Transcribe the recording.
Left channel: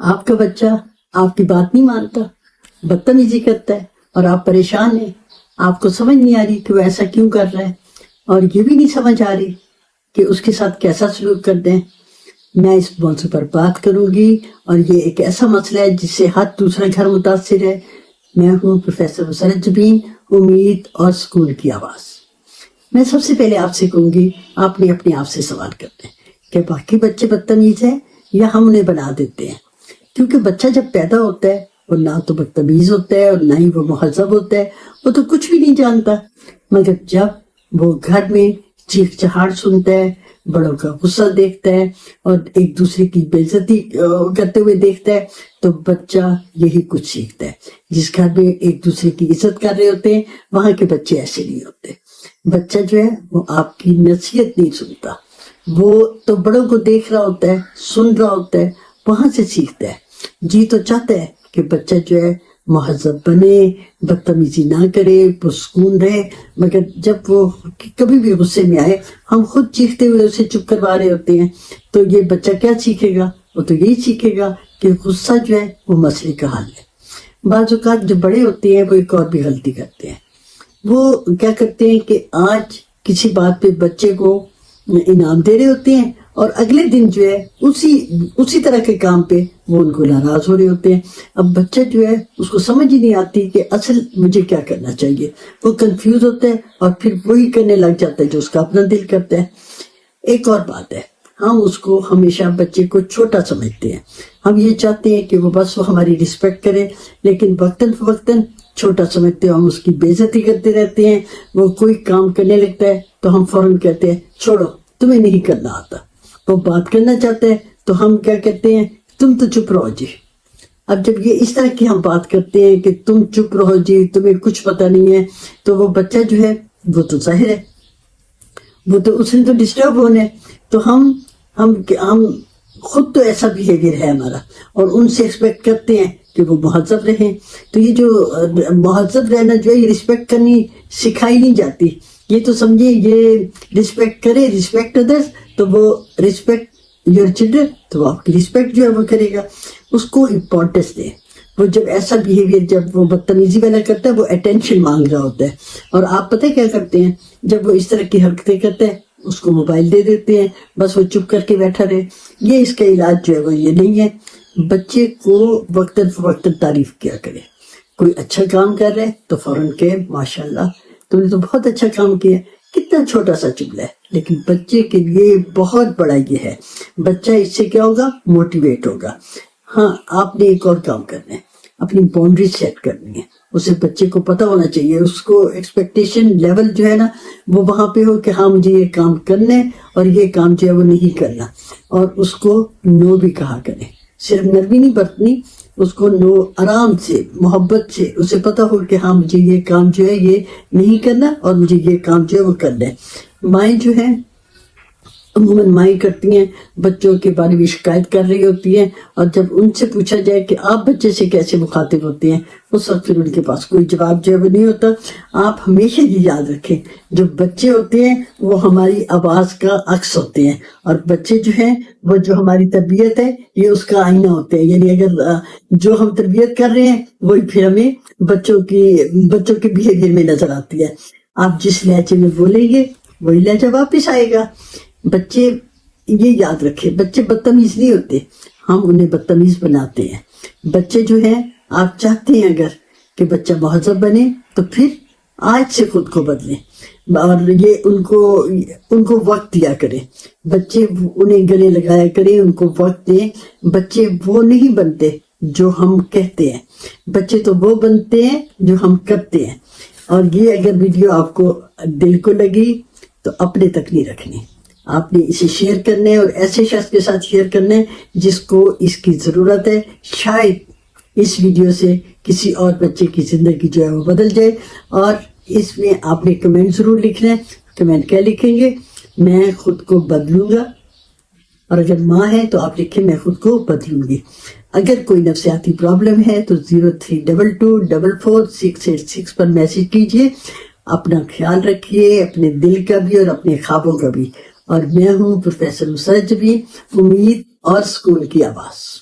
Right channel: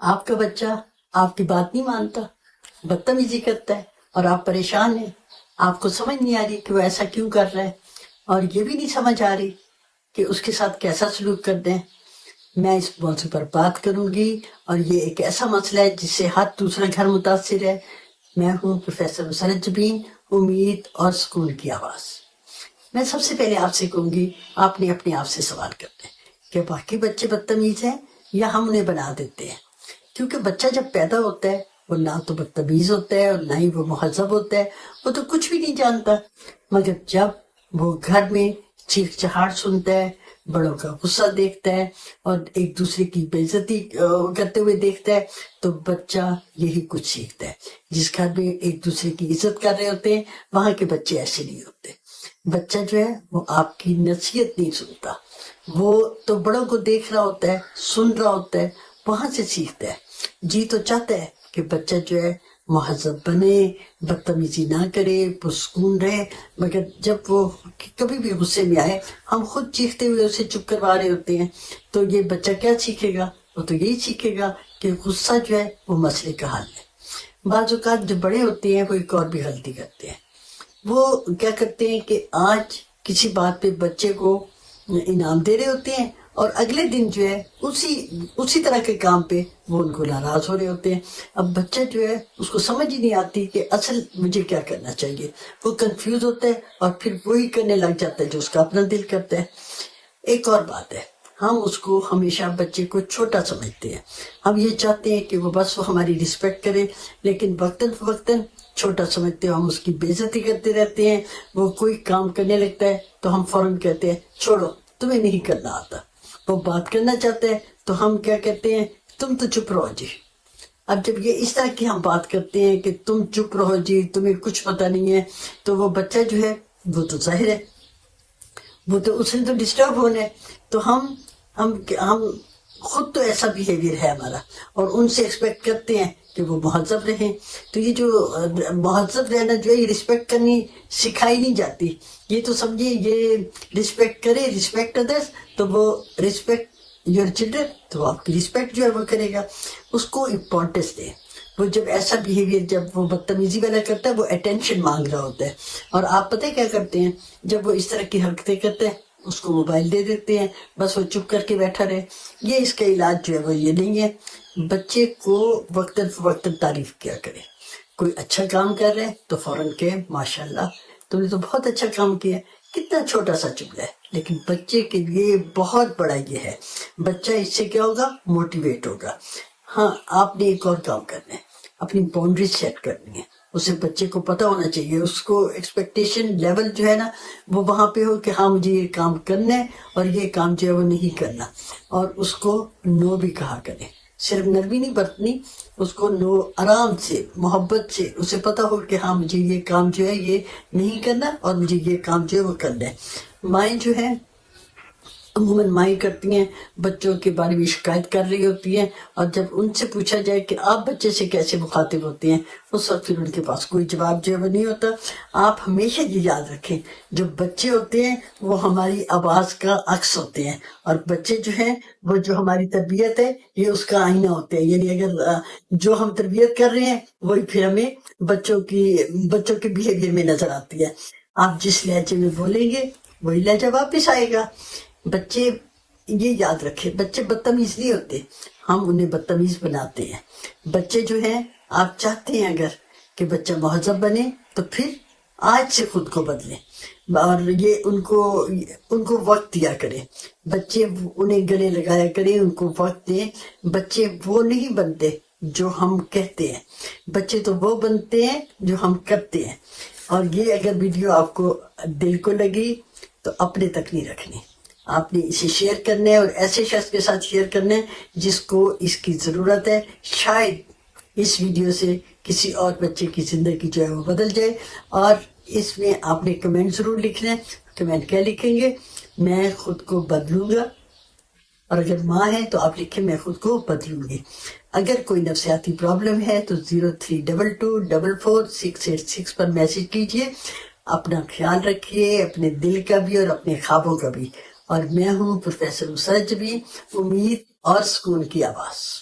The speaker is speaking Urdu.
آپ کا بچہ آپ کی بات نہیں مانتا، بدتمیزی کرتا ہے اور آپ پریشان ہیں. آپ کو سمجھ نہیں آ رہی کہ وہ ایسا کیوں کر رہا ہے، اور یہ بھی نہیں سمجھ آ رہی کہ اس کے ساتھ کیسا سلوک کر دیں. میں اس موضوع پر بات کروں گی، اور یہ ایک ایسا مسئلہ ہے جس سے ہر دوسرا گھر متاثر ہے. میں ہوں پروفیسر مسرت جبین، امید اور سکون کی آواز. میں سب سے پہلے آپ سے کہوں گی، آپ نے اپنے آپ سے سوال کرنا ہے کہ باقی بچے بدتمیز ہیں یا ہم انہیں بنا دیتے ہیں. کیونکہ بچہ جب پیدا ہوتا ہے وہ نہ تو بدتمیز ہوتا ہے اور نہ ہی وہ مہذب ہوتا ہے، وہ تو کچھ بھی نہیں جانتا. مگر جب وہ گھر میں چیخ چہاڑ سنتا ہے، بڑوں کا غصہ دیکھتا ہے اور ایک دوسرے کی بے عزتی کرتے ہوئے دیکھتا ہے، تو بچہ یہی کچھ سیکھتا ہے. جس گھر میں ایک دوسرے کی عزت کر رہے ہوتے ہیں وہاں کے بچے ایسے نہیں ہوتے. بچہ جو ہے وہ آپ کی نصیحت نہیں سنتا، وہ تو بڑوں کو دیکھ رہا ہوتا ہے، سن رہا ہوتا ہے، وہاں سے سیکھتا ہے. جی تو چاہتا ہے کہ بچہ جو ہے مہذب بنے، بدتمیزی نہ کرے، پرسکون رہے. مگر جب وہ کبھی بھی غصے میں آئے، ہم خود چیختے ہوئے اسے چپ کروا رہے ہوتے ہیں، تو یہ بچہ کیا سیکھے گا؟ وہ تو یہی سیکھے گا کہ غصہ جو ہے وہ مسئلے کا حل ہے. بعض اوقات جو بڑے ہوتے ہیں وہ ایک اور بھی غلطی کرتے ہیں. وہ کیا کرتے ہیں کہ آج کسی بات پہ بچے کو انعام دے رہے ہوتے ہیں، اور اگلے دن جو ہے اسی طرح کے کام پہ وہ ان کو ناراض ہو رہے ہوتے ہیں. اب بچہ جو ہے اس کو سمجھ ہی نہیں آتی کہ اصل مجھے کیا کرنا چاہیے. وہ کنفیوز ہوتا ہے اور پھر وہی کرنے لگ جاتا ہے جو اس کا اپنا دل کرتا ہے. ایک اور بات ہے، ہم اس کو ہمیشہ بچے کو چھوٹا سمجھتے ہیں. ہم یہ چاہتے ہیں کہ وہ بس وہ ہماری رسپیکٹ کرے، لیکن وقتاً فوقتاً چھوٹا سمجھتے ہیں، ہم اس کی بے عزتی کرتے رہتے ہیں. وہ کوئی کام کرنے لگتا ہے تو ہم فوراً کہتے ہیں چھوڑو، تمہیں نہیں کرنا آتا. وہ بات کرنا چاہتا ہے تو ہم کیا کہتے ہیں، تم تو چپ رہو جی. اب جب یہ اس طرح کی ہم بات کرتے ہیں کہ تم چپ رہو جی، تمہیں کچھ پتہ نہیں ہے، تو وہ بچہ جو ہے وہ تو ظاہر ہے وہ تو اس نے تو ڈسٹرب ہونا ہے. تو ہم خود تو ایسا بیہیویئر ہے ہمارا، اور ان سے ایکسپیکٹ کرتے ہیں کہ وہ مہذب رہیں. تو یہ جو مہذب رہنا جو ہے، یہ رسپیکٹ کرنی سکھائی نہیں جاتی. یہ تو سمجھے یہ رسپیکٹ کرے، رسپیکٹ ادرس، تو وہ رسپیکٹ یور چلڈرن، تو وہ آپ کی رسپیکٹ جو ہے وہ کرے گا. اس کو امپورٹنس دیں. وہ جب ایسا بیہیویئر جب وہ بدتمیزی والا کرتا ہے، وہ اٹینشن مانگ رہا ہوتا ہے، اور آپ پتہ کیا کرتے ہیں، جب وہ اس طرح کی حرکتیں کرتے ہیں اس کو موبائل دے دیتے ہیں، بس وہ چپ کر کے بیٹھا رہے. یہ اس کا علاج جو ہے وہ یہ نہیں ہے. بچے کو وقتاً فوقتاً تعریف کیا کرے. کوئی اچھا کام کر رہے تو فوراً کہ ماشاءاللہ تم نے تو بہت اچھا کام کیا. کتنا چھوٹا سا جملہ ہے، لیکن بچے کے لیے بہت بڑا یہ ہے. بچہ اس سے کیا ہوگا، موٹیویٹ ہوگا. ہاں، آپ نے ایک اور کام کرنا ہے، اپنی باؤنڈری سیٹ کرنی ہے. اسے بچے کو پتہ ہونا چاہیے، اس کو ایکسپیکٹیشن لیول جو ہے نا وہ وہاں پہ ہو کہ ہاں مجھے یہ کام کرنا ہے اور یہ کام جو ہے وہ نہیں کرنا. اور اس کو نو بھی کہا کرے. صرف نرمی نہیں برتنی، اس کو نو آرام سے، محبت سے، اسے پتہ ہو کہ ہاں مجھے یہ کام جو ہے یہ نہیں کرنا اور مجھے یہ کام جو ہے وہ کرنا ہے. مائیں جو ہے عموماً مائیں کرتی ہیں، بچوں کے بارے میں شکایت کر رہی ہوتی ہیں، اور جب ان سے پوچھا جائے کہ آپ بچے سے کیسے مخاطب ہوتے ہیں، اس وقت پھر ان کے پاس کوئی جواب جو ہے وہ نہیں ہوتا. آپ ہمیشہ یہ یاد رکھیں، جو بچے ہوتے ہیں وہ ہماری آواز کا عکس ہوتے ہیں، اور بچے جو ہیں وہ جو ہماری تربیت ہے یہ اس کا آئینہ ہوتے ہیں. یعنی اگر جو ہم تربیت کر رہے ہیں وہی پھر ہمیں بچوں کے بیہیویئر میں نظر آتی ہے. آپ جس لہجے میں بولیں گے وہی لہجہ واپس آئے گا. بچے یہ یاد رکھے، بچے بدتمیز نہیں ہوتے، ہم انہیں بدتمیز بناتے ہیں. بچے جو ہیں، آپ چاہتے ہیں اگر کہ بچہ مہذب بنے تو پھر آج سے خود کو بدلیں، اور یہ ان کو وقت دیا کریں. بچے انہیں گلے لگایا کریں، ان کو وقت دیں. بچے وہ نہیں بنتے جو ہم کہتے ہیں، بچے تو وہ بنتے ہیں جو ہم کرتے ہیں. اور یہ اگر ویڈیو آپ کو دل کو لگی تو اپنے تک نہیں رکھنی، آپ نے اسے شیئر کرنا ہے، اور ایسے شخص کے ساتھ شیئر کرنا ہے جس کو اس کی ضرورت ہے. شاید اس ویڈیو سے کسی اور بچے کی زندگی جو ہے وہ بدل جائے. اور اس میں آپ نے کمنٹ ضرور لکھنا ہے. کمنٹ کیا لکھیں گے؟ میں خود کو بدلوں گا. اور اگر ماں ہے تو آپ لکھیں میں خود کو بدلوں گی. اگر کوئی نفسیاتی پرابلم ہے تو 0322444686 پر میسج کیجئے. اپنا خیال رکھیے، اپنے دل کا بھی اور اپنے خوابوں کا بھی. اور میں ہوں پروفیسر مسرت جبین، امید اور سکون کی آواز.